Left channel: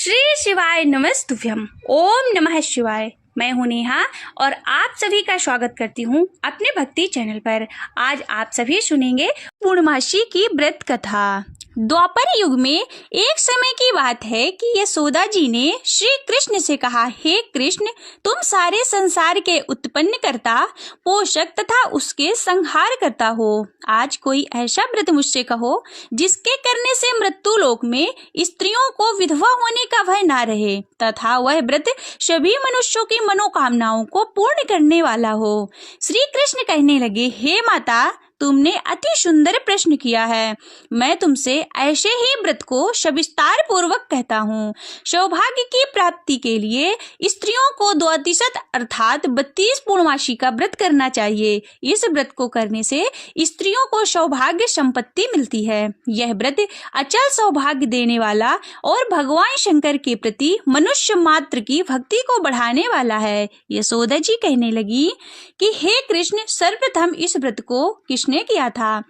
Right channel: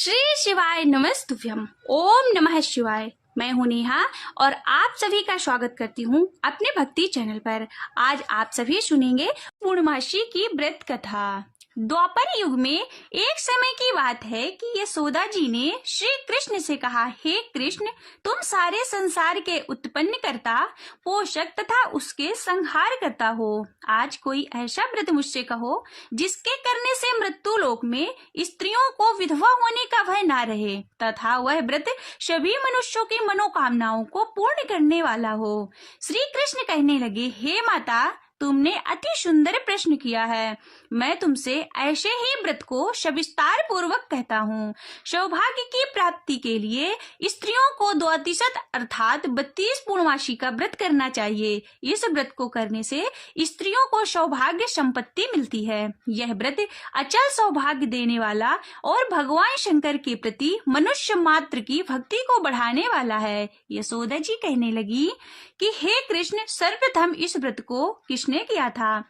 श्री शिवाय नमस्तुभ्यम। ओम नमः शिवाय। मैं हूं नेहा और आप सभी का स्वागत करती हूं अपने भक्ति चैनल पर। आज आप सभी सुनेंगे पूर्णमासी की व्रत कथा। द्वापर युग में एक समय की बात है कि यशोदा जी ने श्री कृष्ण से कहा, हे कृष्ण, तुम सारे संसार के उत्पन्न करता, पोषक तथा उसके संहार करता हो। आज कोई ऐसा व्रत मुझसे कहो जिसके करने से मृत्यु लोक में स्त्रियों को विधवा होने का भय ना रहे तथा वह व्रत सभी मनुष्यों की मनोकामनाओं को पूर्ण करने वाला हो। श्री कृष्ण कहने लगे, हे माता, तुमने अति सुंदर प्रश्न किया है। मैं तुमसे ऐसे ही व्रत को सविस्तार पूर्वक कहता हूँ। सौभाग्य की प्राप्ति के लिए स्त्रियों को 32 अर्थात 32 पूर्णमासी का व्रत करना चाहिए। इस व्रत को करने से स्त्रियों को सौभाग्य संपत्ति मिलती है। यह व्रत अचल सौभाग्य देने वाला और भगवान शंकर के प्रति मनुष्य मात्र की भक्ति को बढ़ाने वाला है। यशोदा जी कहने लगी कि हे कृष्ण, सर्वप्रथम इस व्रत को किसने किया था,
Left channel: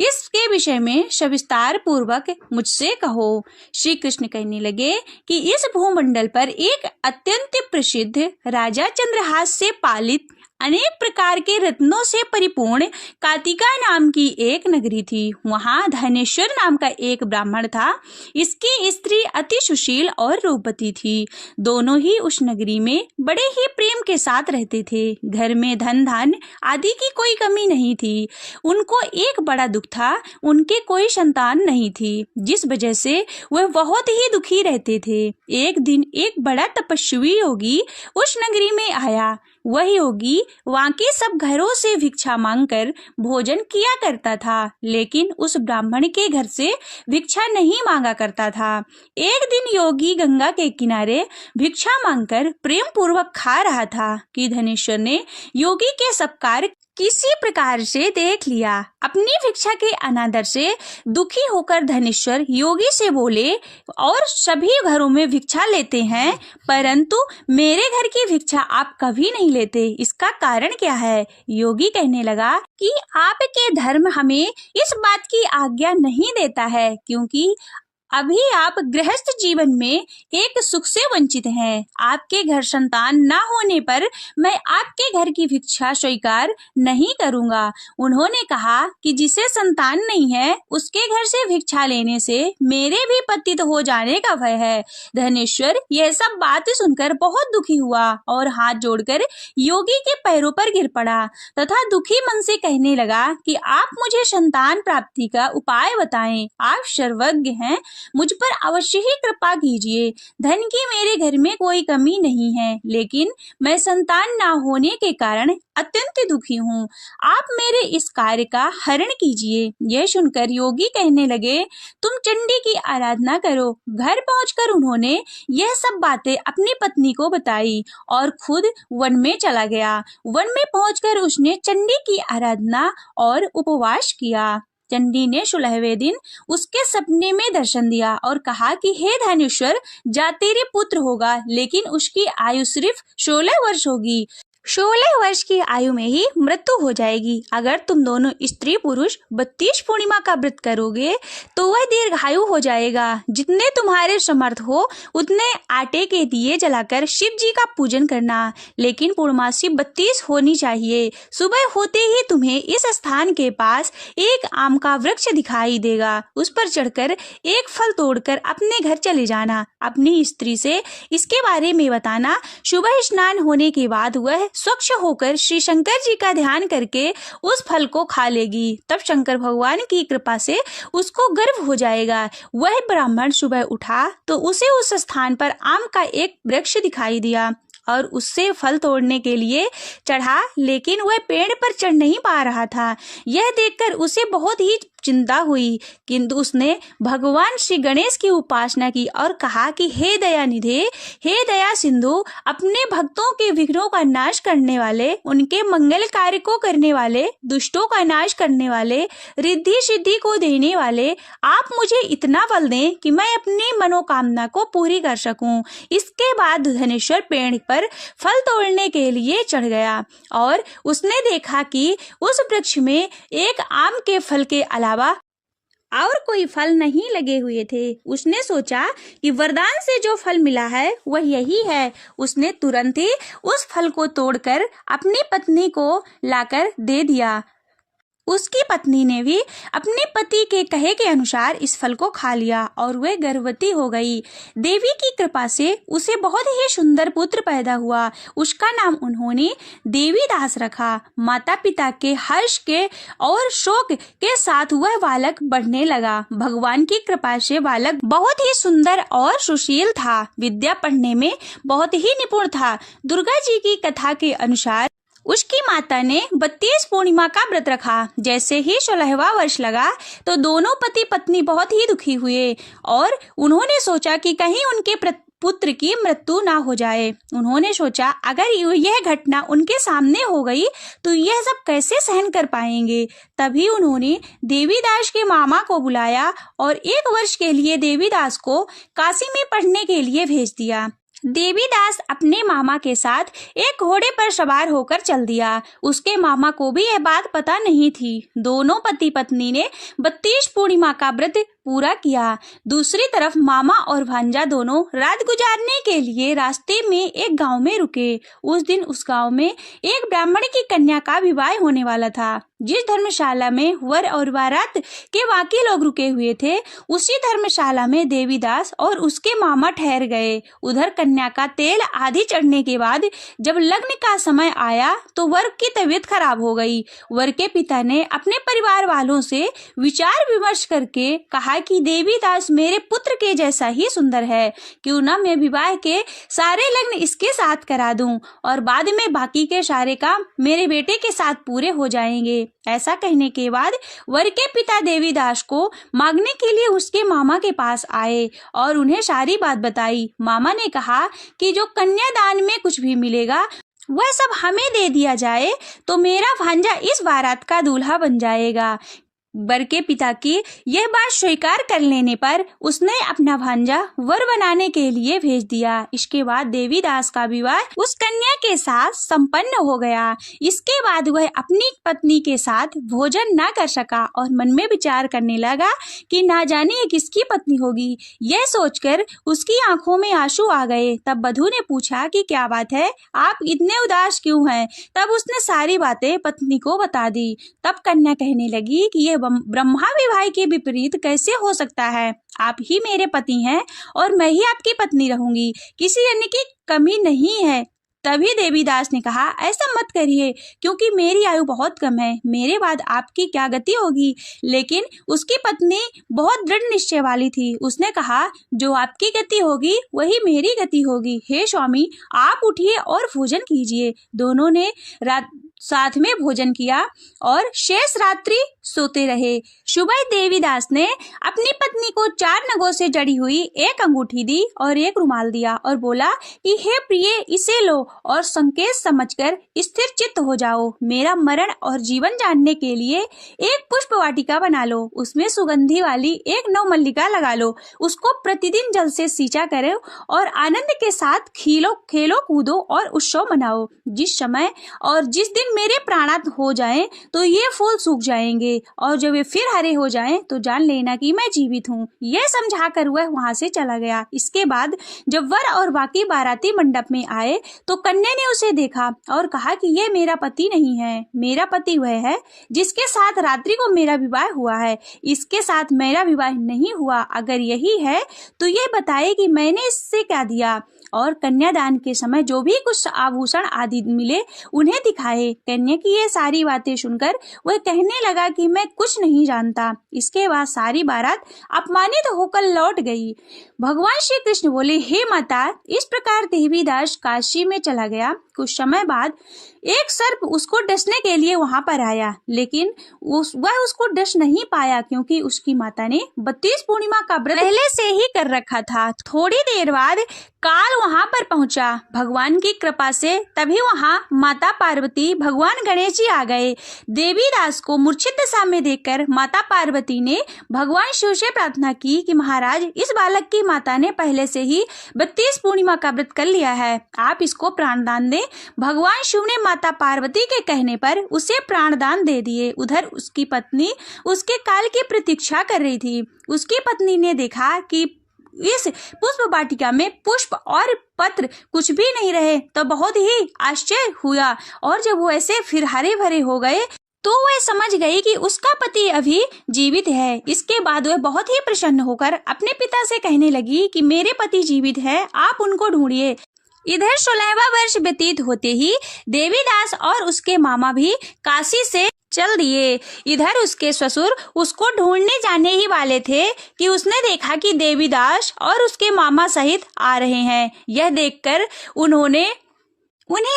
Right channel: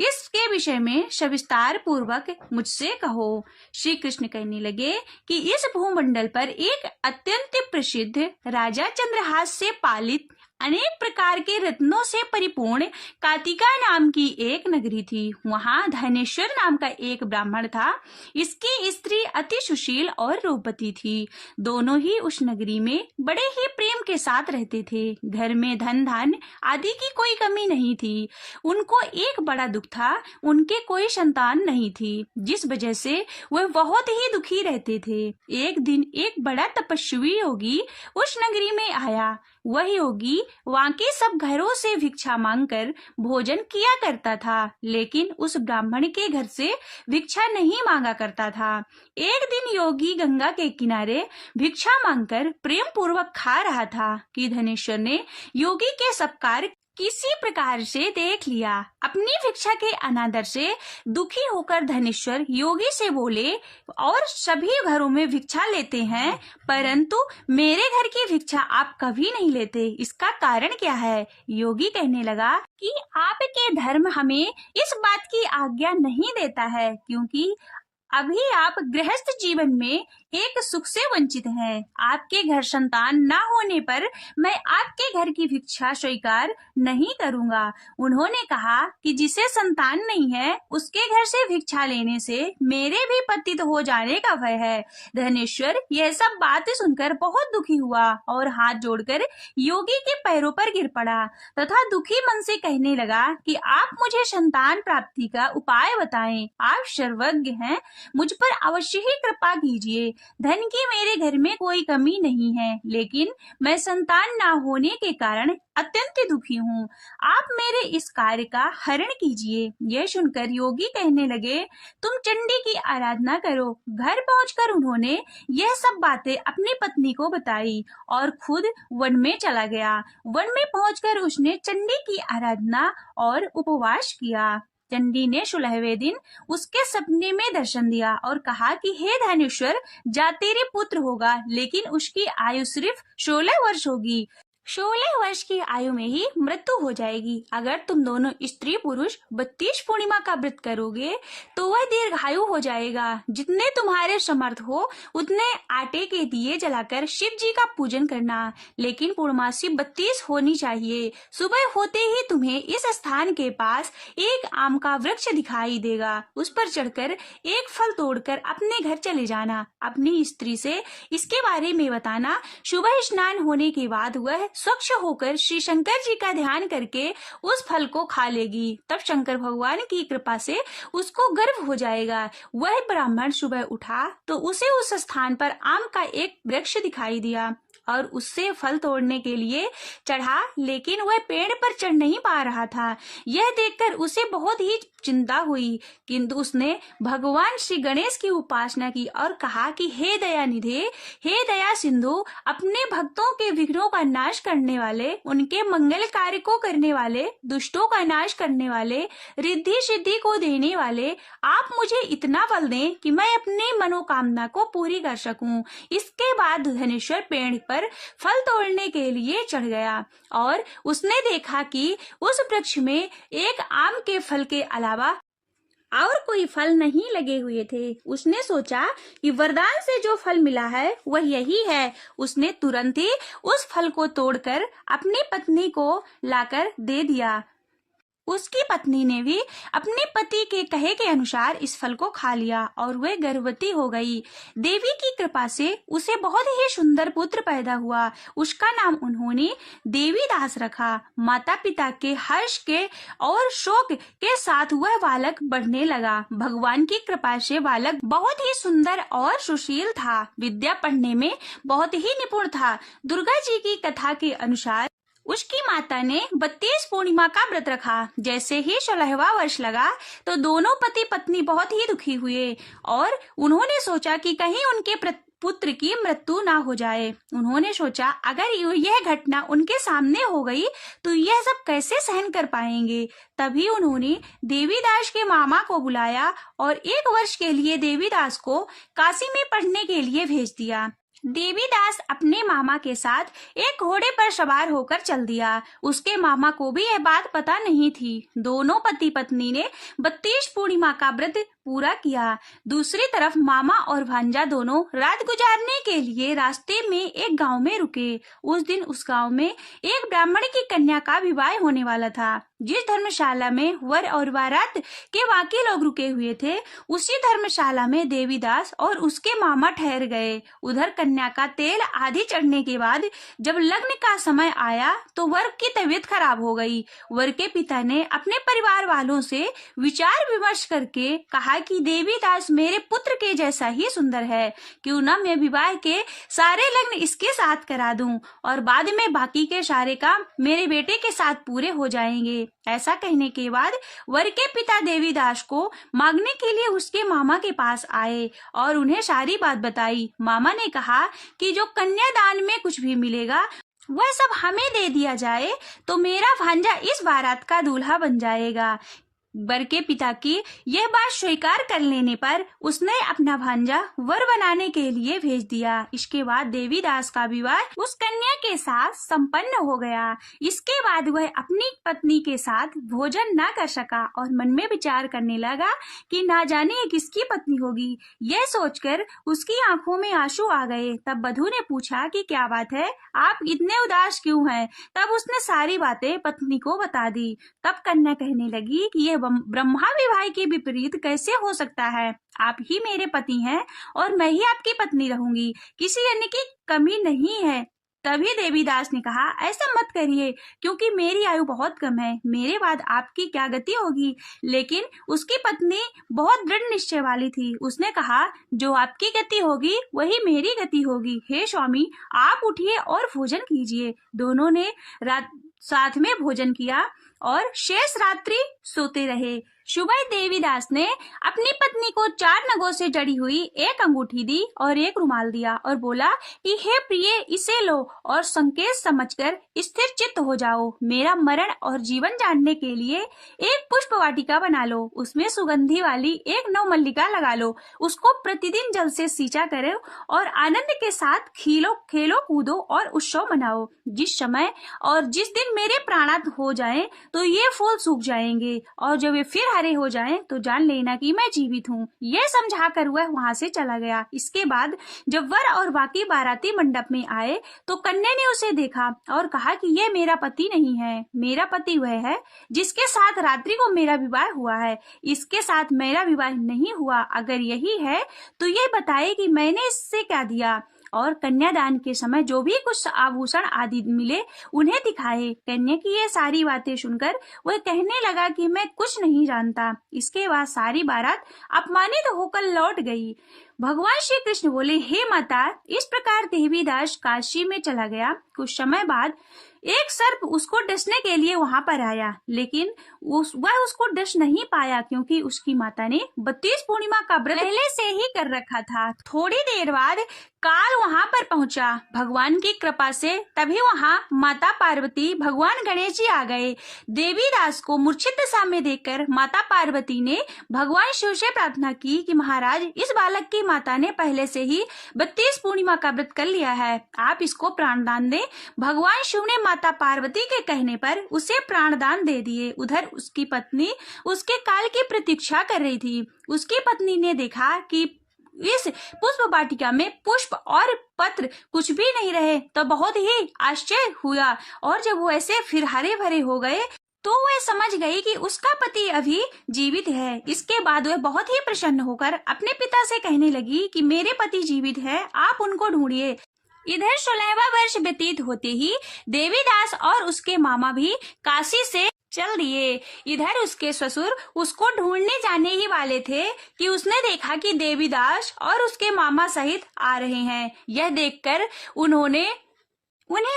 इसके विषय में सविस्तार पूर्वक मुझसे कहो। श्री कृष्ण कहने लगे कि इस भूमंडल पर एक अत्यंत प्रसिद्ध राजा चंद्रहास से पालित अनेक प्रकार के रत्नों से परिपूर्ण कातिका नाम की एक नगरी थी। वहाँ धनेश्वर नाम का एक ब्राह्मण था। इसकी स्त्री अति सुशील और रूपवती थी। दोनों ही उस नगरी में बड़े ही प्रेम के साथ रहते थे। घर में धन धान्य आदि की कोई कमी नहीं थी। उनको एक बड़ा दुख था, उनके कोई संतान नहीं थी, जिस वजह से वह बहुत ही दुखी रहते थे। एक दिन एक बड़ा तपस्वी योगी उस नगरी में आया। वह योगी वहाँ के सब घरों से भिक्षा मांगकर भोजन किया करता था, लेकिन उस ब्राह्मण के घर से भिक्षा नहीं मांगा करता था। एक दिन योगी गंगा के किनारे भिक्षा मांगकर प्रेम पूर्वक खा रहा था कि धनेश्वर ने योगी के सब कार्य किसी प्रकार से देख लिया। अपनी भिक्षा के अनादर से दुखी होकर धनेश्वर योगी से बोले, और सभी घरों में भिक्षा लेते हैं, परंतु मेरे घर की भिक्षा आप कभी नहीं लेते, इसका कारण क्या है? योगी कहने लगा कि आपके धर्म हमें इस बात की आज्ञा नहीं देता है, क्योंकि अभी आप गृहस्थ जीवन में एक सुख से वंचित हैं। आपके घर संतान न होने पर मैं आपके घर की भिक्षा स्वीकार नहीं करूंगा। उन्होंने कहा कि जिसे संतान नहीं है उसके घर से भिक्षा लेने से मेरे भी पतित हो जाने का भय है। धनेश्वर यह सब बात सुनकर बहुत दुखी हुआ और हाथ जोड़कर योगी के पैरों पर गिर पड़ा तथा दुखी मन से कहने लगा कि आप मुझे संतान प्राप्ति का उपाय बताएं। आप सर्वज्ञ हैं, मुझ पर अवश्य ही कृपा कीजिए। धन की मेरे घर में कोई कमी नहीं है, लेकिन मैं संतान ना होने के कारण अत्यंत दुखी हूँ। आप मेरे इस कार्य का हरण कीजिए। यह सुनकर योगी कहने लगे, तुम चंडी की आराधना करो। घर पहुंचकर उन्होंने यह सब बातें अपनी पत्नी को बताई और खुद वन में चला गया। वन में पहुंचकर उसने चंडी की आराधना और उपवास किया। चंडी ने 16वें दिन उसके सपने में दर्शन दिया और कहा कि हे धनेश्वर, जा तेरे पुत्र होगा, लेकिन उसकी आयु सिर्फ 16 वर्ष होगी। 16 वर्ष की आयु में ही मृत्यु हो जाएगी। अगर तुम दोनों स्त्री पुरुष 32 पूर्णिमा का व्रत करोगे तो वह दीर्घायु हो जाएगा। जितने तुम्हारे समर्थ हो उतने आटे के दिए जलाकर शिव जी का पूजन करना, लेकिन पूर्णमासी 32 होनी चाहिए। सुबह होते ही तुम्हें इस स्थान के पास एक आम का वृक्ष दिखाई देगा। उस पर चढ़कर एक फल तोड़कर अपने घर चले जाना। अपनी स्त्री से इसके बारे में बताना। सुबह स्नान होने के बाद वह स्वच्छ होकर श्री शंकर जी का ध्यान करके उस फल को खा लेगी। तब शंकर भगवान की कृपा से उसको गर्भ हो जाएगा। वह ब्राह्मण सुबह उठा तो उसे उस स्थान पर आम का एक वृक्ष दिखाई दिया और उससे फल तोड़ने के लिए चढ़ा, लेकिन वह पेड़ पर चढ़ नहीं पा रहा था। यह देखकर उसे बहुत ही चिंता हुई, किंतु उसने भगवान श्री गणेश की उपासना की और कहा कि हे दयानिधे, हे दया सिंधु, अपने भक्तों के विघ्नों का नाश करने वाले, उनके मंगल कार्य को करने वाले, दुष्टों का नाश करने वाले, रिद्धि सिद्धि को देने वाले, आप मुझे इतना बल दें कि मैं अपनी मनोकामना को पूरी कर सकूं। इसके बाद धनेश्वर पेड़ पर फल तोड़ने के लिए चढ़ गया और उसने देखा कि उस वृक्ष में एक आम के फल के अलावा और कोई फल नहीं लगे हुए थे। उसने सोचा कि वरदान से जो फल मिला है वह यही है। उसने तुरंत ही उस फल को तोड़कर अपनी पत्नी को लाकर दे दिया। उसकी पत्नी ने भी अपने पति के कहे के अनुसार इस फल को खा लिया और वह गर्भवती हो गई। देवी की कृपा से उसे बहुत ही सुंदर पुत्र पैदा हुआ। उसका नाम उन्होंने देवीदास रखा। माता पिता के हर्ष के और शोक के साथ वह बालक बढ़ने लगा। भगवान की कृपा से बालक बहुत ही सुंदर और सुशील था। विद्या पढ़ने में बहुत ही निपुण था। दुर्गा जी की कथा के अनुसार उसकी माता ने 32 पूर्णिमा का व्रत रखा। जैसे ही 16वां वर्ष लगा तो दोनों पति पत्नी बहुत ही दुखी हुए और उन्होंने सोचा कि कहीं उनके पुत्र की मृत्यु ना हो जाए। उन्होंने सोचा अगर यह घटना उनके सामने हो गई तो यह सब कैसे सहन कर पाएंगे। तभी उन्होंने देवीदास के मामा को बुलाया और 1 वर्ष के लिए देवीदास को काशी में पढ़ने के लिए भेज दिया। देवीदास अपने मामा के साथ एक घोड़े पर सवार होकर चल दिया। उसके मामा को भी यह बात पता नहीं थी। दोनों पति पत्नी ने 32 पूर्णिमा का व्रत पूरा किया। दूसरी तरफ मामा और भांजा दोनों रात गुजारने के लिए रास्ते में एक गांव में रुके। उस दिन उस गांव में एक ब्राह्मण की कन्या का विवाह होने वाला था। जिस धर्मशाला में वर और बारात के बाकी लोग रुके हुए थे उसी धर्मशाला में देवीदास और उसके मामा ठहर गए। उधर कन्या का तेल आधी चढ़ने के बाद जब लग्न का समय आया तो वर की तबीयत खराब हो गई। वर के पिता ने अपने परिवार वालों से विचार विमर्श करके कहा कि देवीदास मेरे पुत्र के जैसा ही सुंदर है, क्यों ना मैं विवाह के सारे लग्न इसके साथ करा दूं और बाद में बाकी के सारे काम मेरे बेटे के साथ पूरे हो जाएंगे। ऐसा कहने के बाद वर के पिता देवीदास को मांगने के लिए उसके मामा के पास आए और उन्हें सारी बात बताई। मामा ने कहा कि जो कन्यादान में कुछ भी मिलेगा वह सब हमें दे दिया जाए तो मेरा भांजा इस बारात का दूल्हा बन जाएगा। वर के पिता की यह बात स्वीकार कर लेने पर उसने अपना भांजा वर बनाने के लिए भेज दिया। इसके बाद देवीदास का विवाह उस कन्या के साथ संपन्न हो गया। इसके बाद वह अपनी पत्नी के साथ भोजन न कर सका और मन में विचार करने लगा कि ना जाने ये किसकी पत्नी होगी। यह सोचकर उसकी आंखों में आंसू आ गए। तब वधू ने पूछा कि क्या बात है, आप इतने उदास क्यों हैं? तब उसने सारी बातें पत्नी को बता दी। तब कन्या कहने लगी कि यह ब्रह्मा विवाह के विपरीत कैसे हो सकता है? आप ही मेरे पति हैं और मैं ही आपकी पत्नी रहूंगी, किसी अन्य की कमी नहीं है। तभी देवीदास ने कहा ऐसा मत करिए क्योंकि मेरी आयु बहुत कम है, मेरे बाद आपकी क्या गति होगी। लेकिन उसकी पत्नी बहुत दृढ़ निश्चय वाली थी। उसने कहा जो आपकी गति होगी वही मेरी गति होगी। हे स्वामी, आप उठिए और भोजन कीजिए। दोनों ने साथ में भोजन किया और शेष रात्रि सोते रहे। सुबह देवीदास ने अपनी पत्नी को 4 नगों से जड़ी हुई एक अंगूठी दी और एक रुमाल दिया और बोला कि हे प्रिय, इसे लो और संकेत समझकर स्थिर चित्त हो जाओ। मेरा मरण और जीवन जानने के लिए एक पुष्प वाटिका बना लो, उसमें सुगंधी वाली एक नवमल्लिका लगा लो, उसको प्रतिदिन जल से सींचा करो और आनंद के साथ खेलो कूदो और उत्सव मनाओ। जिस समय और जिस दिन मेरे प्राणांत हो जाएं तो ये फूल सूख जाएंगे और जब वे फिर हरे हो जाएं तो जान लेना कि मैं जीवित हूँ। यह समझाकर वह वहां से चला गया। इसके बाद जब वर और बाकी बाराती मंडप में आए तो कन्या ने उसे देखा और कहा कि यह मेरा पति नहीं है, मेरा पति वह है जिसके साथ रात्रि को मेरा विवाह हुआ है, इसके साथ मेरा विवाह नहीं हुआ। अगर यही है तो यह बताए कि मैंने इससे क्या दिया और कन्यादान के समय जो भी कुछ आभूषण आदि मिले उन्हें दिखाए। कन्या की ये सारी बातें सुनकर वह कहने लगा कि मैं कुछ नहीं जानता। इसके बाद सारी बारात अपमानित होकर लौट गई। भगवान श्री कृष्ण बोले, हे माता, इस प्रकार देवीदास काशी में चला गया। कुछ समय बाद एक सर्प उसको डसने के लिए वहां पर आया, लेकिन वह उसको डस नहीं पाया क्योंकि उसकी माता ने 32 पूर्णिमा का व्रत पहले से ही कर रखा था। थोड़ी देर बाद काल वहां पर पहुंचा। भगवान की कृपा से तभी वहां माता पार्वती, भगवान गणेश जी आ गए। देवीदास को मूर्छित दशा में देखकर माता पार्वती ने भगवान शिव से प्रार्थना की कि महाराज, इस बालक की माता ने पहले से ही 32 पूर्णिमा का व्रत कर लिया है, आप इसको प्राणदान दें। भगवान शिव ने माता पार्वती के कहने पर उसे प्राणदान दे दिए। उधर उसकी पत्नी उसके काल की प्रतीक्षा कर रही थी। उसकी पत्नी ने देखा कि इस पुष्प वाटिका में पुष्प और पत्र कुछ भी नहीं रहे, तो बहुत ही आश्चर्य हुआ। और जब वो ऐसे फिर हरे भरे हो गए तो वह समझ गई कि उसका पति अभी जीवित है। इसके बाद वह बहुत ही प्रसन्न होकर अपने पिता से कहने लगी कि मेरे पति जीवित है, आप उनको ढूंढिए। इधर 16वां वर्ष व्यतीत होते ही देवीदास और उसके मामा भी काशी से चल दिए। इधर उसके ससुर उसको ढूंढने जाने ही वाले थे कि उसने देखा कि देवीदास और उसके मामा सहित आ रहे हैं। यह देखकर उन्हें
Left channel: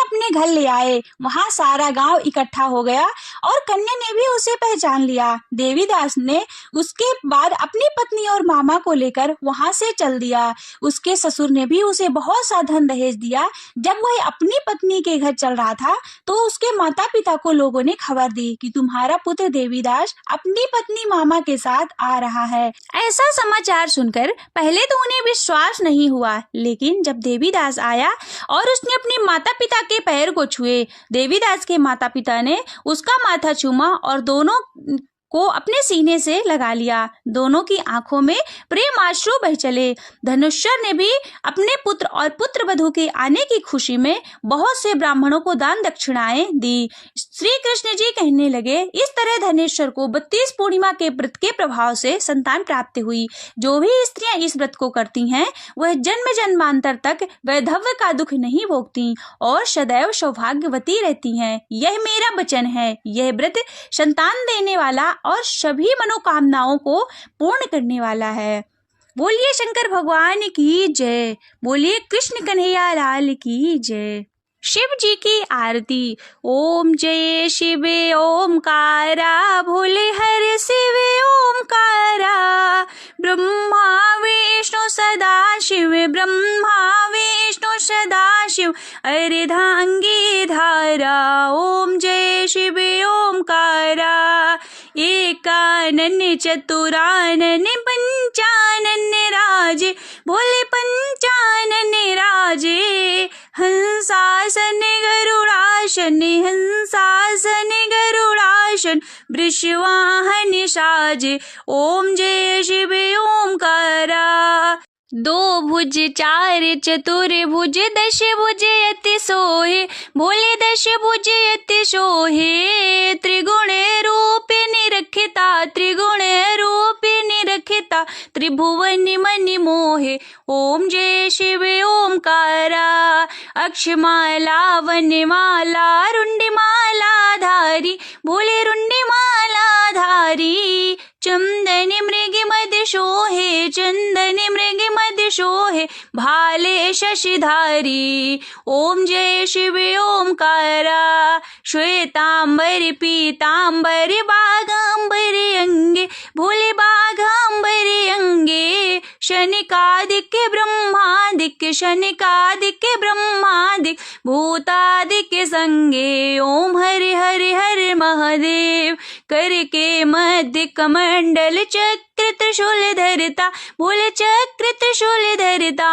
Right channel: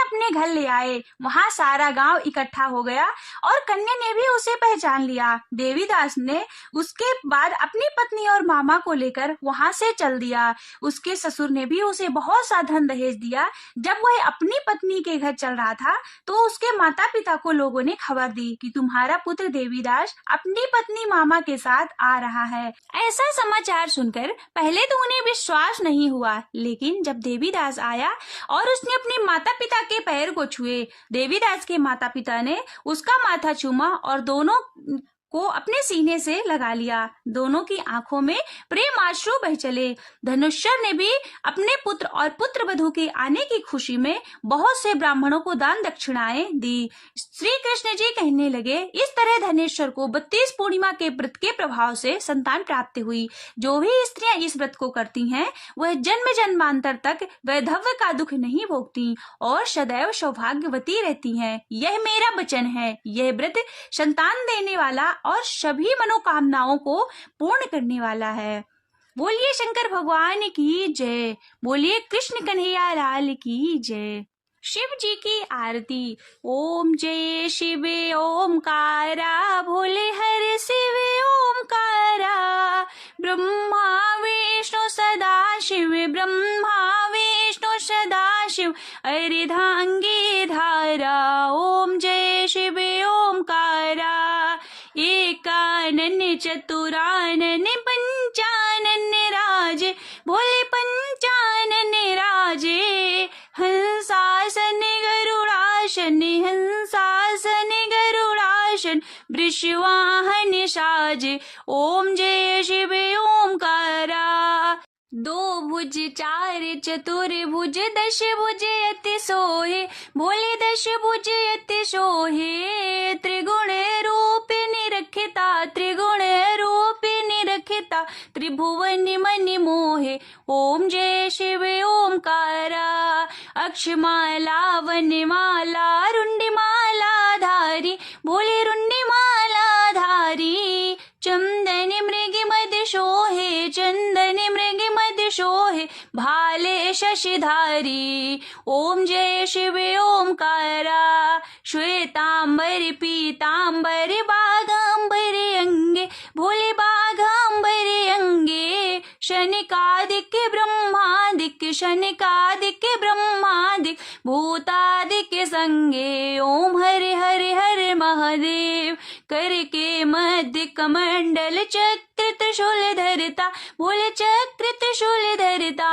अपने घर ले आए। वहां सारा गांव इकट्ठा हो गया और कन्या ने भी उसे पहचान लिया। देवीदास ने उसके बाद अपनी पत्नी और मामा को लेकर वहां से चल दिया। उसके ससुर ने भी उसे बहुत सा धन दहेज दिया। जब वह अपनी पत्नी के घर चल रहा था तो उसके माता पिता को लोगों ने खबर दी कि तुम्हारा पुत्र देवीदास अपनी पत्नी मामा के साथ आ रहा है। ऐसा समाचार सुनकर पहले तो उन्हें विश्वास नहीं हुआ, लेकिन जब देवीदास आया और उसने अपनी माता पिता के पैर को छुए, देवीदास के माता पिता ने उसका माथा चूमा और दोनों को अपने सीने से लगा लिया। दोनों की आंखों में प्रेम आंसू बह चले। धनुष्यर ने भी अपने पुत्र और पुत्र वधू के आने की खुशी में बहुत से ब्राह्मणों को दान दक्षिणाएं दी। श्री कृष्ण जी कहने लगे, इस तरह धनेश्वर को 32 पूर्णिमा के व्रत के प्रभाव से संतान प्राप्त हुई। जो भी स्त्रियां इस व्रत को करती हैं वह जन्म जन्मांतर तक वैधव्य का दुख नहीं भोगती और सदैव सौभाग्यवती रहती हैं। यह मेरा वचन है। यह व्रत संतान देने वाला और सभी मनोकामनाओं को पूर्ण करने वाला है। बोलिए शंकर भगवान की जय। बोलिए कृष्ण कन्हैया लाल की जय। शिव जी की आरती। ओम जय शिव ओमकारा, भोले हर शिव ओमकारा। ब्रह्मा विष्णु सदा शिव, ब्रह्मा विष्णु सदा शिव, अर्धांगी धारा। ओम जय शिव ओमकारा। एकानन चतुरानन पंचानन राजे, भोले पंचानन राजे। हंसासन गरुड़ासन, हंसासन गरुड़ासन, वृषवाहन साजे। ओम जय शिव ओमकारा। 2 भुज 4 चतुर्भुज, 10 भुज अति सोहे, भोले 10 भुज अति सोहे। त्रिगुण रूप निरखिता, त्रिगुण रूप निरखिता, त्रिभुवन मन मोहे। ओम जय शिव ओमकारा। अक्षमाला वनमाला, रुंडमाला धारी, भोले रुंडमाला धारी। चंदन मृग मद शोहे, चंदन मृग मद शोहे, भाले शशिधारी। ओम जय शिव ओमकारा। श्वेतांबर पीतांबर, बाघांबर अंगे, भोले बाघांबर अंगे। शनिकादिक ब्रह्मादिक, शनिकादिक ब्रह्मादिक, भूतादिक संगे। ओम हरे हरे हर महादेव। करके मध्य कमंडल, चक्र त्रिशूल धरता, भोले चक्र त्रिशूल धरता।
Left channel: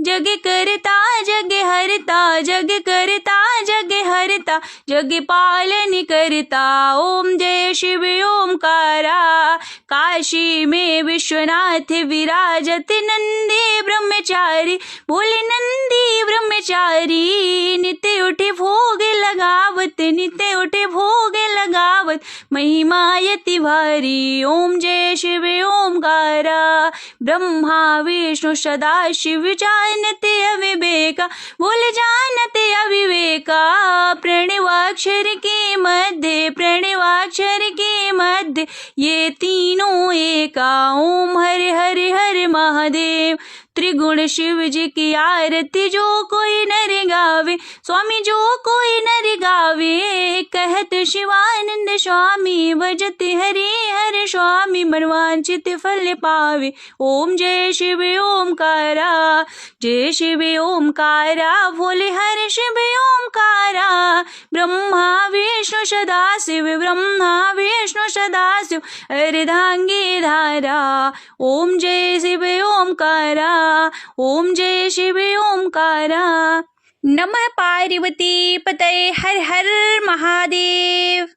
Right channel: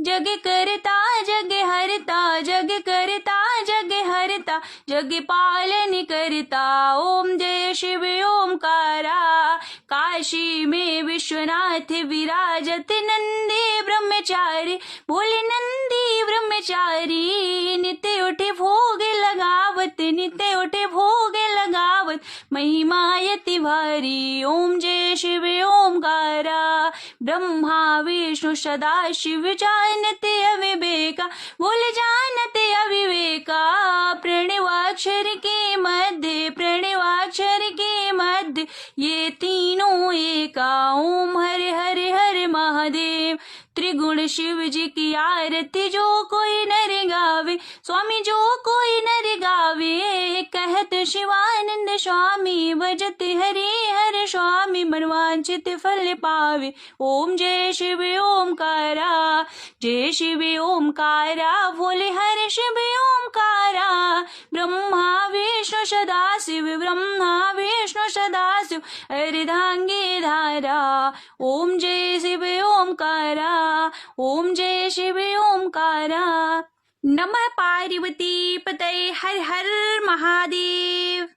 जग करता जग हरता, जग करता जग हरता, जग पालन करता। ओम जय शिव ओमकारा। काशी में विश्वनाथ विराजत, नंदी ब्रह्मचारी, भोले नंदी ब्रह्मचारी। नित्य उठे भोग लगावत, नित्य उठे भोग लगावत, महिमा यति भारी। ओम जय शिव ओमकारा। ब्रह्मा विष्णु सदा शिव, जानते अविवेका, भोले जानते अविवेका। प्रणवाक्षर के मध्य, प्रणवाक्षर के मध्य, ये तीनों एका। ओम हरे हरे हर महादेव। त्रिगुण शिव जी की आरती जो कोई नर गावे, स्वामी जो कोई नर गावे, कहत शिवानंद स्वामी भजति हरि हर स्वामी, मनवांचित फल पावे। ओम जय शिव ओमकारा, जय शिव ओमकारा, भोले हर शिव ओमकारा, ब्रह्मा विष्णु सदाशिव, ब्रह्मा विष्णु सदाशिव, अर्धांगी धारा। ओम जय शिव ओमकारा, ओम जय शिव ओमकारा। नमः पार्वती पतये, हर हर महादेव।